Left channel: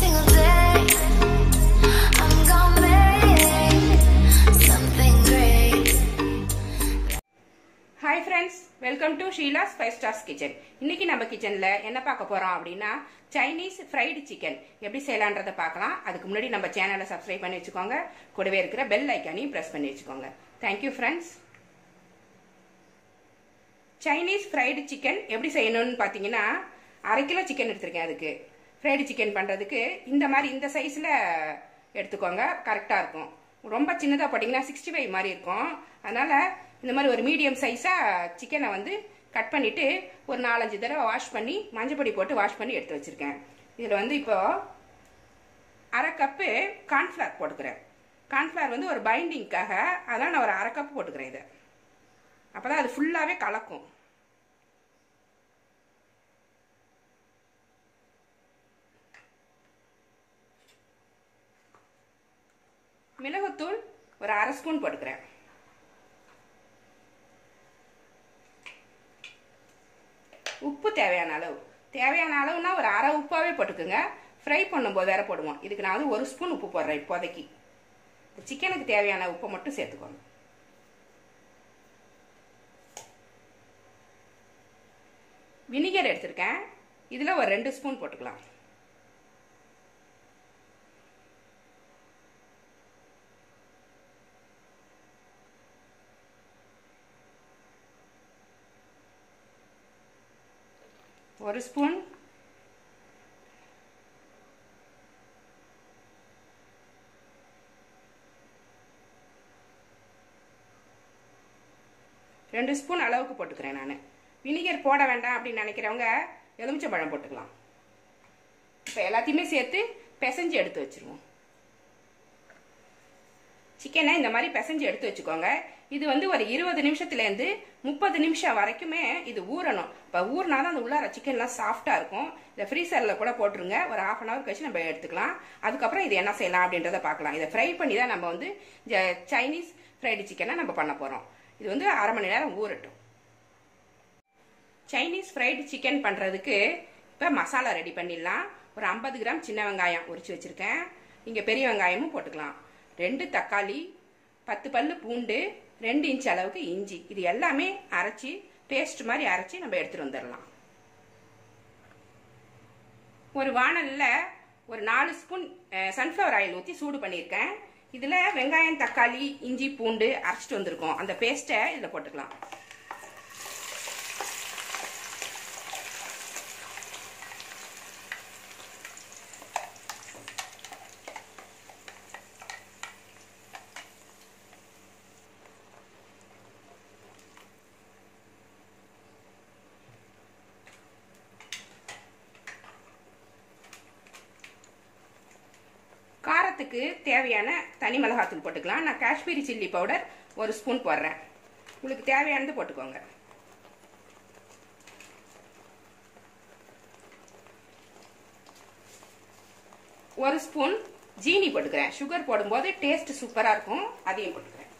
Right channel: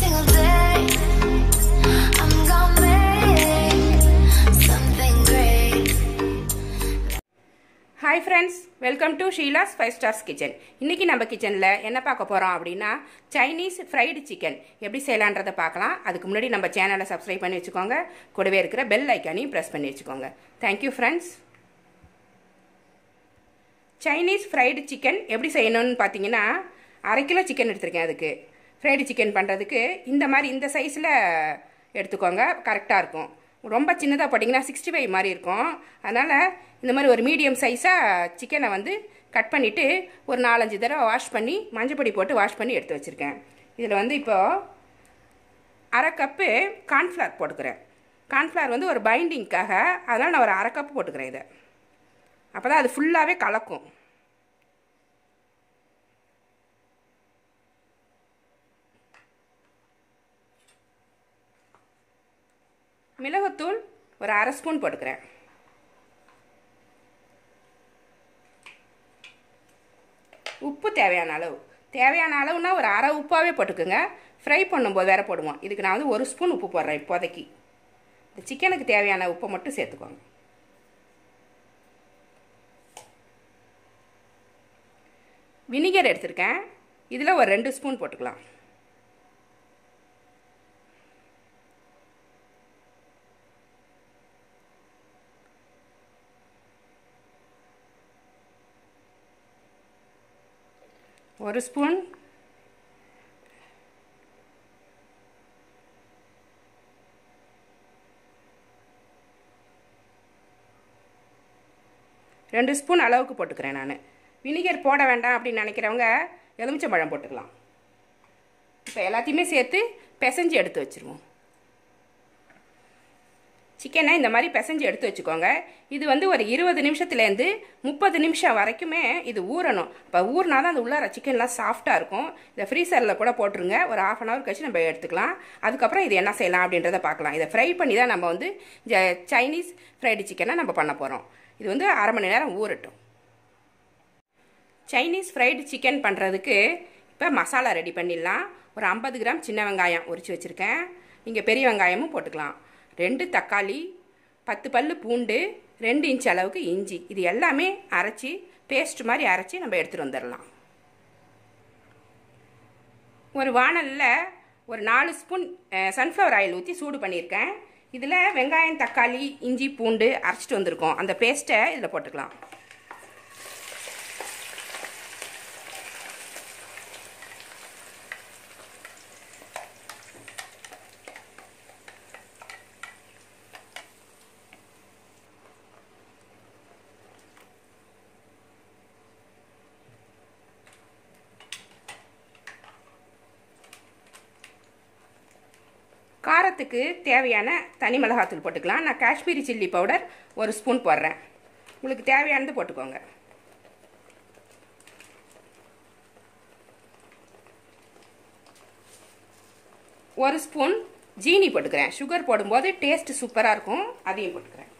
single day. I'm gonna make something great. Hi friends, welcome to Sheila's 5 Stars Kitchen. இன்னைக்கு நம்ம கிச்சன்ல என்ன பார்க்க போறோம் அப்படினா Chinese fried chicken எப்படி செய்யலாம்ன்றத பார்க்கலாம். அதுக்கு முன்னாடி நம்ம சேனலை Subscribe பண்ணி வெச்சுக்கோங்க. கூடவே இருக்கிற பெல் ஐகானையும் பிரஸ் பண்ணி வெச்சுக்கோங்க. Thank you friends. Chinese fried chicken எப்படி செய்யணும்னு பாத்தீங்கன்னா 1/2 கிலோ chicken எடுத்துர்க்கேன். அதுக்கு fried chicken பண்றதுக்கு இந்த மாதிரி இந்த சைஸ்ல எடுத்துக்கோங்க. கரெக்ட்டா இருக்கும். ரொம்ப சின்னதா போடிங்கனா 65 மாதிரி இருக்கும். அதனால இந்த மாதிரி ஒரு மீடியம் சைஸா சிக்கனை வந்து கட் பண்ணிட்டு ஒரு 4-5 தடவை வாஷ் பண்ணி மஞ்சள் பொடி போட்டு வாஷ் பண்ணி எடுத்து வச்சிருக்கேன். இதுல வந்து இப்போ 1/2 கப் கார்ன் ஃப்ளவர் போட்டுக்கறேன். கார்ன் ஃப்ளவர் வந்து ஒரு பைண்டிங்காக, அதனால நான் ஒரு 1/2 கப் போட்டுக்கறேன். இத அப்பதான் அது ஃபுல்லாவே கலக்கும். மிளகுத்தூள் ஒரு 1/2 ஸ்பூன் போட்டுக்கறேன். உப்பு தேவையான அளவுனா ஒரு 1/2 உப்பாவே போட்டுக்கோங்க. ஃப்ரை பண்ணும்போது வேற போடுவோம். இதுக்கு நான் வந்து 1 ஸ்பூன் உப்பு போடுறேன் இப்போதைக்கு. இந்த சிக்கனுக்கு தேவையான உப்பு மட்டும் சேர்த்துக்கோங்க. வினிகர் எடுத்துர்க்கேன். இதுல ஒரு 2 ஸ்பூன் போட்டுக்கலாம். ஒரு ஸ்பூன் ரெண்டு ஸ்பூன் அளவுக்கு போட்டுக்கிறேன். நான் வினிகர் போட வேண்டாம் அப்படின்னு நினைக்கிறவங்க எலுமிச்சம்பழம் போட்டுக்கலாம். இப்போ எல்லாத்தையுமே சேர்த்து பிசைஞ்சு எடுத்து வச்சிருவோம். சிக்கனை இந்த மாதிரி பிசைஞ்சு எடுத்து வச்சுக்கோங்க. இது வந்து ஒரு 20 நிமிஷத்துலேருந்து 30 நிமிஷம் வரைக்குமே இது ஊறணும். இப்போ ஊறினாதான் அந்த உள்ளார சிக்கன்லாம் சாஃப்டாக இருக்கும். இதை ஃப்ரீசரில் கூட போட்டுருங்க. ஒரு 1/2 hour கழிச்சு நம்ம எடுத்துக்கலாம். அதுக்கப்புறம் இது என்ன செய்யலாம் அப்படின்றத பார்க்கலாம். இதை ஃப்ரை பண்ணி தான் நம்ம வந்து சைனீஸ் ஃப்ரைடு சிக்கனை நம்ம பண்ண போகிறோம். இது வந்து 1/2 மணி நேரம் ஊறட்டும். சைனீஸ் ஃப்ரைடு சிக்கன் பண்ணுறதுக்கு இப்போ மசாலா ரெடி பண்ணிடலாம். ஒரு 50 கிராம் சின்ன வெங்காயம் உரிச்சு வச்சுருக்கேன். இங்கே பெரிய வெங்காயமும் போட்டுக்கலாம். 2 தக்காளி, 10 பல்லு பூண்டு, 2 இன்ச் அளவுக்கு இஞ்சி, இது எல்லாமே அரைச்சி பேஸ்ட் மாதிரி அரைச்சி நம்ம எடுத்துட்டு வந்துடலாம். ஒரு வாணல்ல ஒரு 4 ஸ்பூன் சன்ஃப்ளவர் ஆயில் ஊற்றி சூடு பண்ணியிருக்கேன். இதில் வெங்காயம், தக்காளி, இஞ்சி, பூண்டு அரைச்சிட்டு வந்திருக்கோம். அந்த பேஸ்ட்டை இதில் போட்டுக்கலாம். காரத்துக்கு தேவையான தனி மிளகாத்தூள் போட்டுக்கலாம். நான் காஷ்மீரி சில்லி பவுடர் 1 ஸ்பூன் போடுறேன். உங்களுக்கு தேவையானது போட்டுக்கோங்க. ஒரு ஸ்பூன் ஜீனி போட்டுக்கிறேன். சுகர் போடும்போது டேஸ்ட் சூப்பரா இருக்கும். அதையும் போட்டுக்கிறேன்.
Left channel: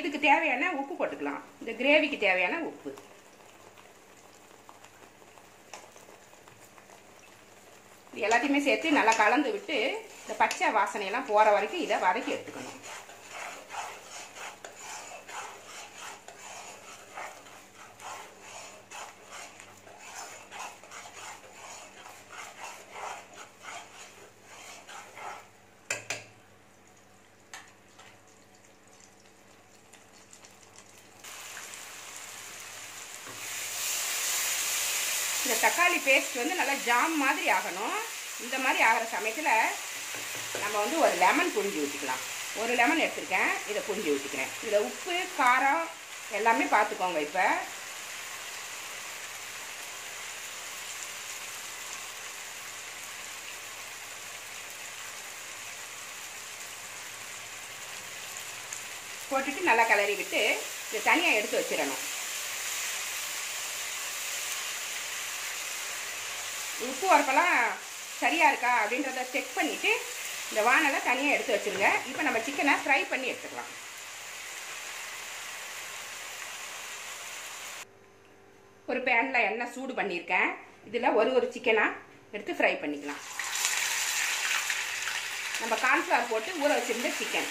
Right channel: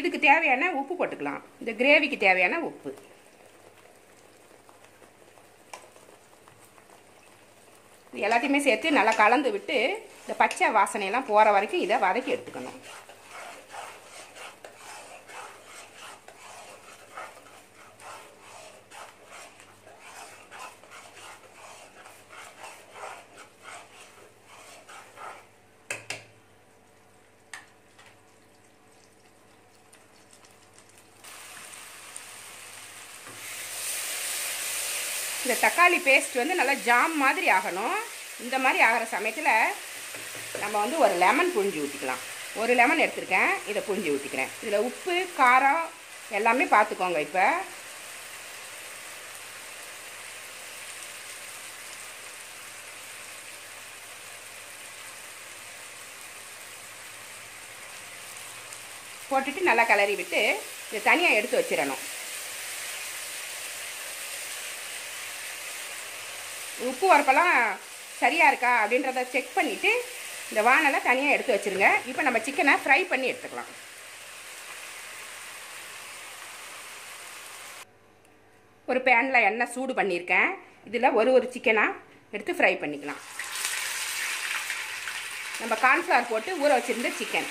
இதுக்கு தேவையான உப்பு போட்டுக்கலாம். இந்த கிரேவிக்கு தேவையான உப்பு. எல்லாத்தையுமே சேர்த்து நல்லா கலந்து விட்டு இந்த பச்சை வாசனையெல்லாம் போற வரைக்கும் இதை வதக்கி எடுத்துக்கணும். இந்த தக்காளி பேஸ்ட் வந்து நல்லா ஜாம் மாதிரி ஆகணும். இந்த மாதிரி ஆகிற சமயத்தில் நம்ம வந்து ஒரு லெமன் புழிஞ்சு ஊற்றிக்கலாம். ஒரு லெமன் எடுத்துருக்கேன். இதை புழிஞ்சு ஊற்றிக்கிறேன். இதில் உப்பு, காரம் எல்லாமே பார்த்துக்கோங்க. இப்போ போட்டுட்டு நல்லா கிளறி விட்டு இதை தனியாக எடுத்து வச்சிடணும். உப்பு உரப்பெல்லாம் சரியா இருக்கா அப்படின்றத செக் பண்ணிட்டு இந்த வாணலை தனியாக எடுத்து வச்சிருங்க. இப்போ நம்ம சிக்கனை ஃப்ரை பண்ணி எடுத்துக்கலாம். ஒரு பேனில் எண்ணெய் சூடு பண்ணியிருக்கேன். இதில் ஒரு சிக்கனாக எடுத்து ஃப்ரை பண்ணிக்கலாம். நம்ம கார்ன்ஃப்ளவர் போட்டு ஊற வச்சுருந்த சிக்கன்.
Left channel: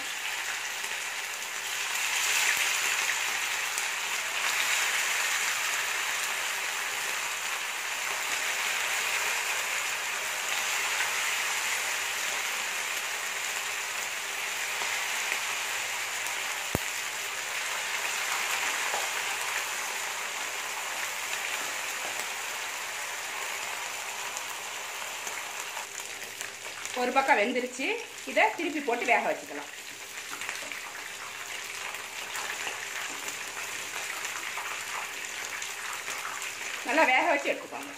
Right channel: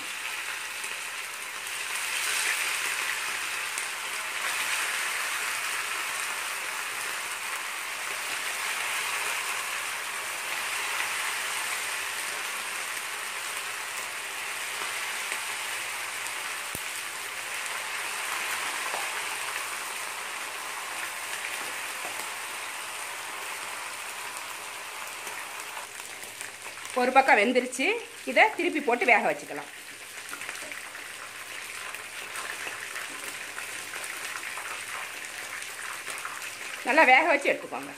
ஒரு பக்கம் வெந்துருச்சு. இதை திருப்பி போட்டு வேக வச்சுக்கலாம். நல்லா வேக வச்சு எடுத்துக்கோங்க.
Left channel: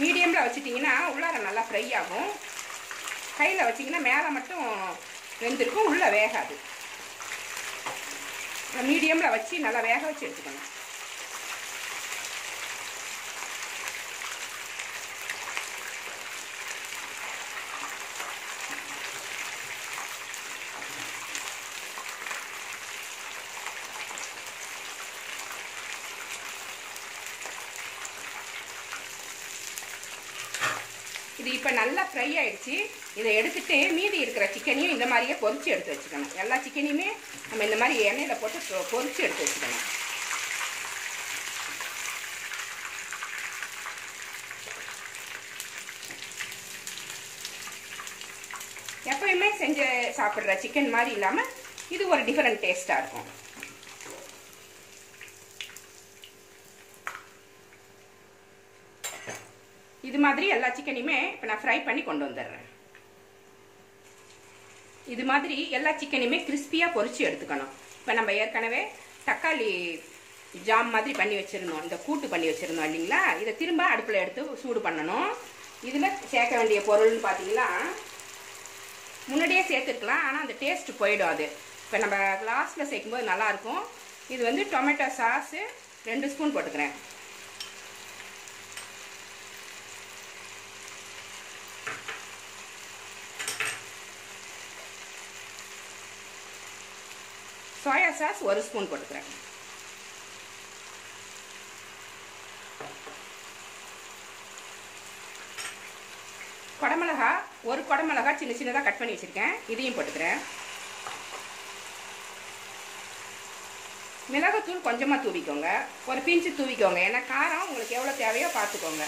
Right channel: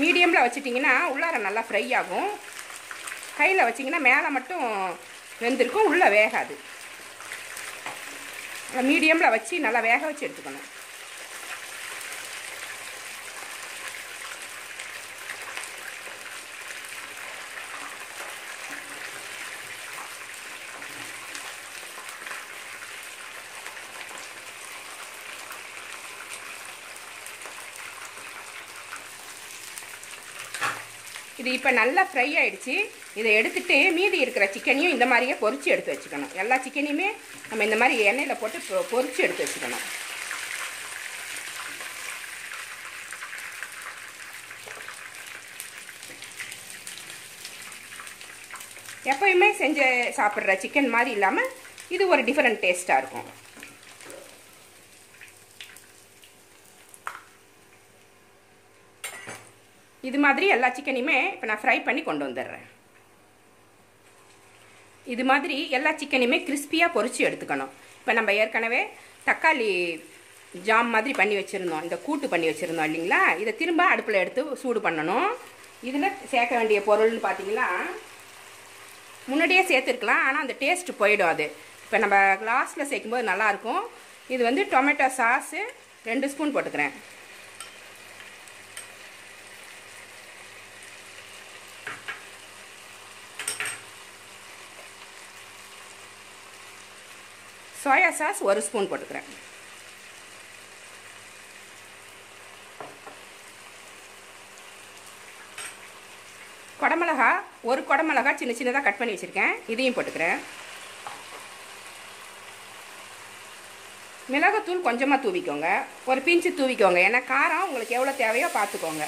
மீடியமில் வச்சுட்டிங்கன்னா உள்ளார நல்லா ஃப்ரை ஆகும். கையில் வச்சிங்கன்னா மேலே மட்டும் வெந்திருக்கும், உள்ளே வேகாது. மீடியமில் வச்சு நல்லா வேக வச்சு எடுத்துக்கணும். இது இப்போ நல்லா ஃப்ரை ஆயிடுச்சு. இதை எடுத்துட்டு மீதி இருக்கிற சிக்கனையும் இந்த மாதிரியே பொரிச்சு எடுத்து வச்சுக்கணும். எல்லா சிக்கனையுமே நம்ம இந்த மாதிரி எண்ணெயில் போட்டு பொரிச்சு எடுத்து வச்சுக்கணும். எப்பயுமே செஞ்சு சாப்பிட்ற சிக்கன் மாதிரி இல்லாமல் இது ஒரு டிஃபரெண்ட் டேஸ்ட்டாக இருக்கும். இது மாதிரி எல்லா சிக்கனையுமே இப்போ நான் ஃப்ரை பண்ணி கொண்டு வந்துடுறேன். இது மாதிரி எல்லா சிக்கனையுமே கிறிஸ்பியாக பொரிச்சு எடுத்துக்கணும். இப்போ நம்ம ஏற்கனவே தக்காளி ஜாம் மாதிரி பண்ணி வச்சுருந்தோம், இந்த கூட்டு பண்ணி வச்சுருந்தோம் இல்லைங்களா? இதை திரும்ப அடுப்பில் எடுத்து சூடு பண்ணணும். இதில் சேர்க்க வேண்டிய பொருள்னு பார்த்தீங்கன்னா முன்னாடியே சேர்த்துருக்கலாம், ஆனால் அந்த டேஸ்ட் போயிடும். அது இப்போ நம்ம லாஸ்ட்டில் சேர்க்கும்போது நல்லாயிருக்கும். இது வந்து டொமேட்டோ சாஸு 2 ஸ்பூன் போட்டுக்கிறேன். சோயா சாஸ் 1 ஸ்பூன் போட்டுக்கிறேன். குடமிளகா 1 குடமிளகா சின்ன சின்னதாக கட் பண்ணி வச்சுருக்கேன், இதையும் போட்டுக்கிறேன். மிளகுத்தூள் கொஞ்சமாக தூவிக்கோங்க, ஒரு பிஞ்சு தூவிக்கோங்க. ஏன்னா காரம் உங்களுக்கு எவ்வளோ தேவையோ பார்த்துக்கோங்க.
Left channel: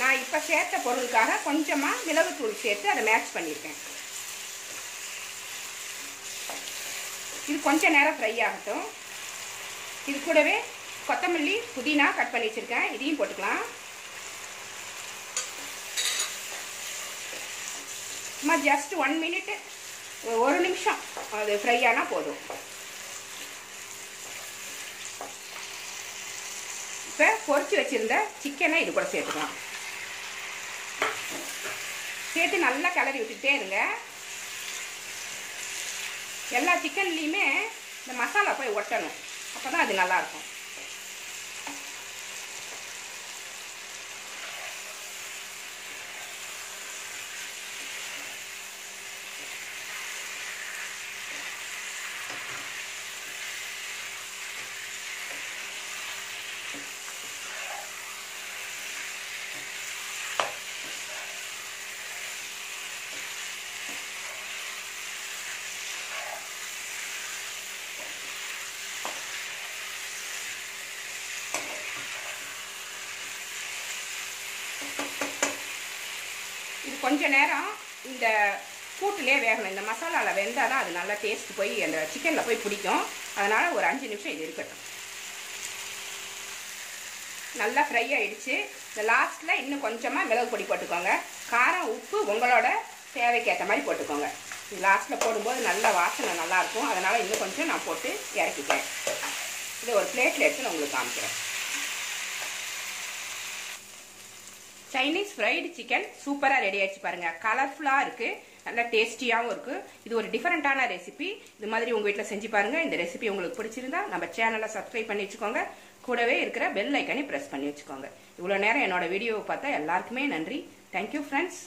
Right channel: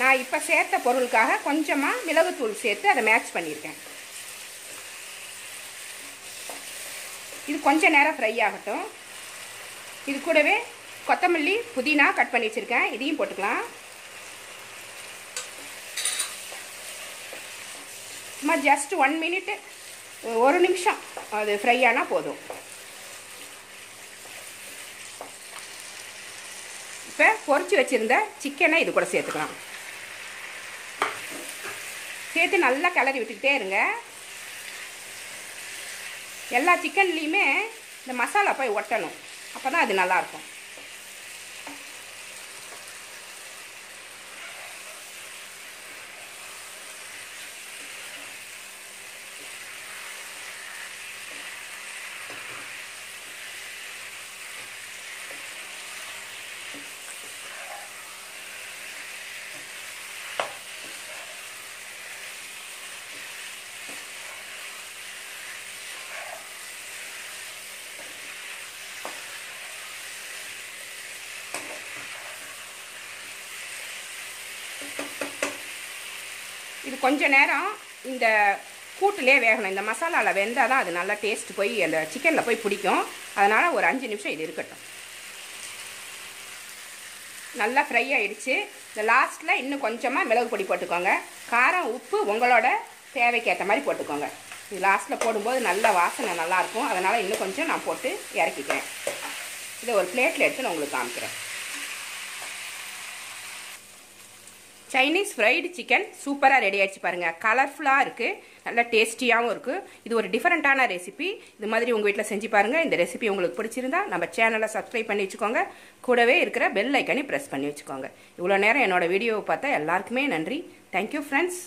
நான் இப்போ சேர்த்த பொருளுக்காக கொஞ்சமாக மிளகுத்தூள் சேர்த்து அதை மேட்ச் பண்ணியிருக்கேன். இது கொஞ்ச நேரம் ஃப்ரை ஆகட்டும். இது கூடவே கொத்தமல்லி புதினா கட் பண்ணி வச்சுருக்கேன், இதையும் போட்டுக்கலாம். சும்மா ஜஸ்ட் 1 மினிட், 1 நிமிஷம் அது ஃப்ரை ஆனால் போதும். இப்போ பொரிச்சு வச்சுருந்த சிக்கனை இது கூட சேர்த்துக்கலாம். சேர்த்து நல்லா கிளறி விட்டுக்கிட்டே இருங்க. எல்லா சிக்கன்லேயுமே இந்த மசாலா போய் ஒட்டணும், அப்போ தான் அது நல்லாயிருக்கும். இது கொஞ்ச நேரம் இந்த கூட்டிலே வேகணும். இந்த மசாலாவில் வெந்தால் தான் அது நல்லா டேஸ்ட் போய் அந்த சிக்கனில் போய் பிடிக்கும். அதனால் ஒரு 5 நிமிஷம் இது இருக்கட்டும். நல்லா ஃப்ரை ஆகிடுச்சு. இந்த லாஸ்ட்டில் இன்னும் கொஞ்சமாக மிளகு பொடி போட்டுக்கோங்க. காரம் உப்பு உங்களோட தேவைக்கேற்ற மாதிரி போட்டுக்கோங்க. இது லாஸ்ட்டில் போடும்போது நல்ல வாசனை நல்லாயிருக்கும். அதனால் இன்னும் கொஞ்சம் நான் போட்டு இறக்கிக்கிறேன். இதை ஒரு பிளேட்டில் எடுத்து நான் உங்களுக்கு காமிக்கிறேன். சைனீஸ் ஃப்ரைடு சிக்கன் சூப்பராக ரெடி ஆகிடுச்சு பாருங்கள். கலர்ஃபுல்லாக இருக்குது, நல்லா டேஸ்டியாகவும் இருக்குது. இது ஒரு டிஃப்ரெண்ட்டான ரெசிபி. இது மாதிரி உங்கள் வீட்டில் செஞ்சு பாருங்கள். இந்த ரெசிபி உங்களுக்கு பிடிச்சிருந்தா நம்ம சேனலை சப்ஸ்கிரைப் பண்ணி வச்சுக்கோங்க. கூடவே இருக்கிற பெல் ஐக்கனை ப்ரெஸ் பண்ணி வச்சுக்கோங்க. இவ்வளோ நேரம் என்னோட வீடியோவை பார்த்தா எல்லாருக்குமே நன்றி. Thank you friends.